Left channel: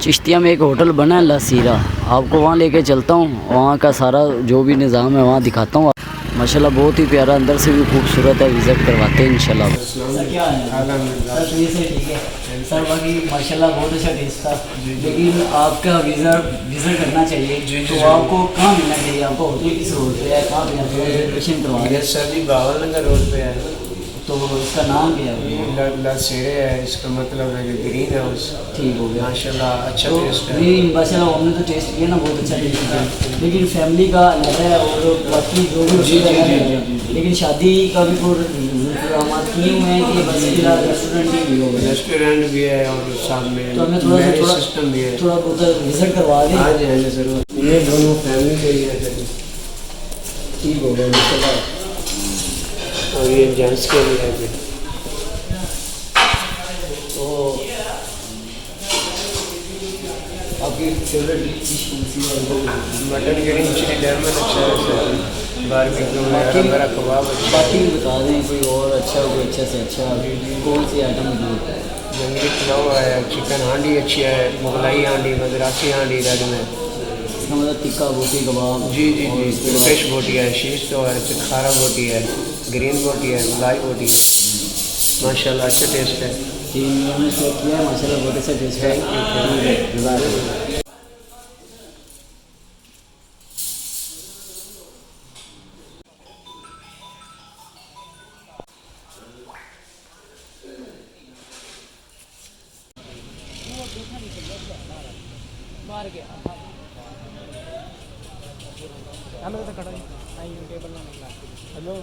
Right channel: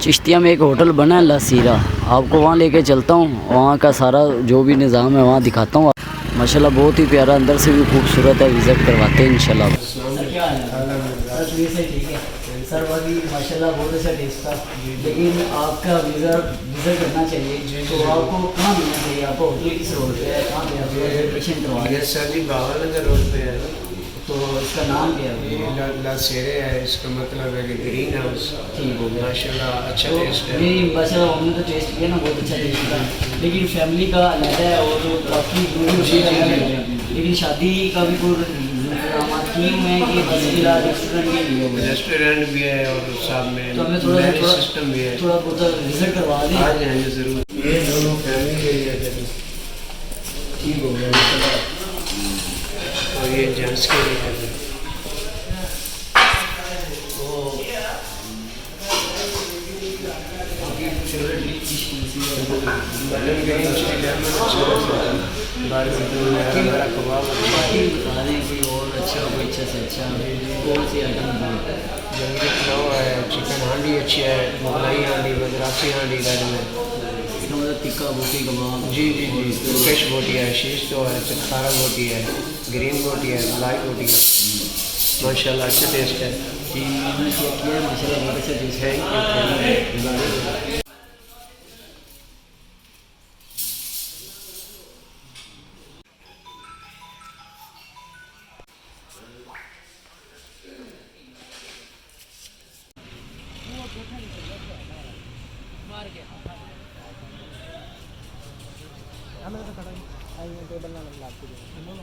चिश्तिया में एक होटल बना है लसीरा, आपको वहाँ लेके चलता हूँ। वहाँ का सारा जो भी निज़ाम है वहाँ दिखाता हूँ। माशाल्लाह बहुत ही प्यारा, अंदर से भी खूबसूरत है। विज़िट करवाते हैं इंशाल्लाह। सर क्या हाल है? सर ये से ठीक है सर। बाकी माशाल्लाह बहुत अच्छा टेस्ट था, लेकिन आपका विज़िट करना चाहिए। तो आपको कहाँ मिलना चाहिए? आपको होटल किस रोड पे है, कहाँ पे आप रजिस्ट्रेशन करवा रहे हैं? सर जी बावल नगर रोड पे है। तो इसका नाम क्या है? ये लसेरे है, इसका मतलब है कि ग्रीन हाउस। ठीक हो गया माशाल्लाह अच्छा तो टेस्ट है। नहीं माशाल्लाह हमने तो टेस्ट किया ना, बहुत अच्छा टेस्ट था। लेकिन फैमिली का अलग है और बाकी जो भी जी, उसका जी, अलग जी, है। जी, जी। लेकिन शादी का भी कोई इंतजाम किए हुए हैं कि बस फिलहाल रेस्टोरेंट ही नहीं होगा? रेस्टोरेंट भी है और साथ में तो हमें थोड़ा मैरिज थोड़ा सिस्टम भी है। थोड़ा बहुत विजिट करवा दें। हाँ जी हाँ जी ज़रूर। ये दोनों फैमिली के लिए है ठीक हो गया माशाल्लाह। और ये जेंट्स के लिए है। तो आपकी फेवरेट डिश कौन सी है? मटन ग्रीन चिली लेमन अच्छा लगता है। बारबेक्यू वगैरह बड़ा कबाब अच्छा बाकी है। भी बता दें कोई और अच्छा, कोई अच्छा से अच्छा कौन सी आइटम है? जंगली पुलाव है, चिकन हांडी अच्छी है, मुगलाई हांडी, मद्रासी हांडी रेड में। इसका मतलब टिक्का बोटी कबाब। जी जी और जी, उसके बाद तुर्किश बोटी है, शीश तो है, चिखारा बोटी है, ग्रीन बोटी है, मलाई बोटी है। माशाल्लाह अच्छा टेस्ट है। ठीक मैंने चेक किया है माशाल्लाह बहुत अच्छा टेस्ट है। Thank you. हमें तो खड़ा ही टेबल में हेलो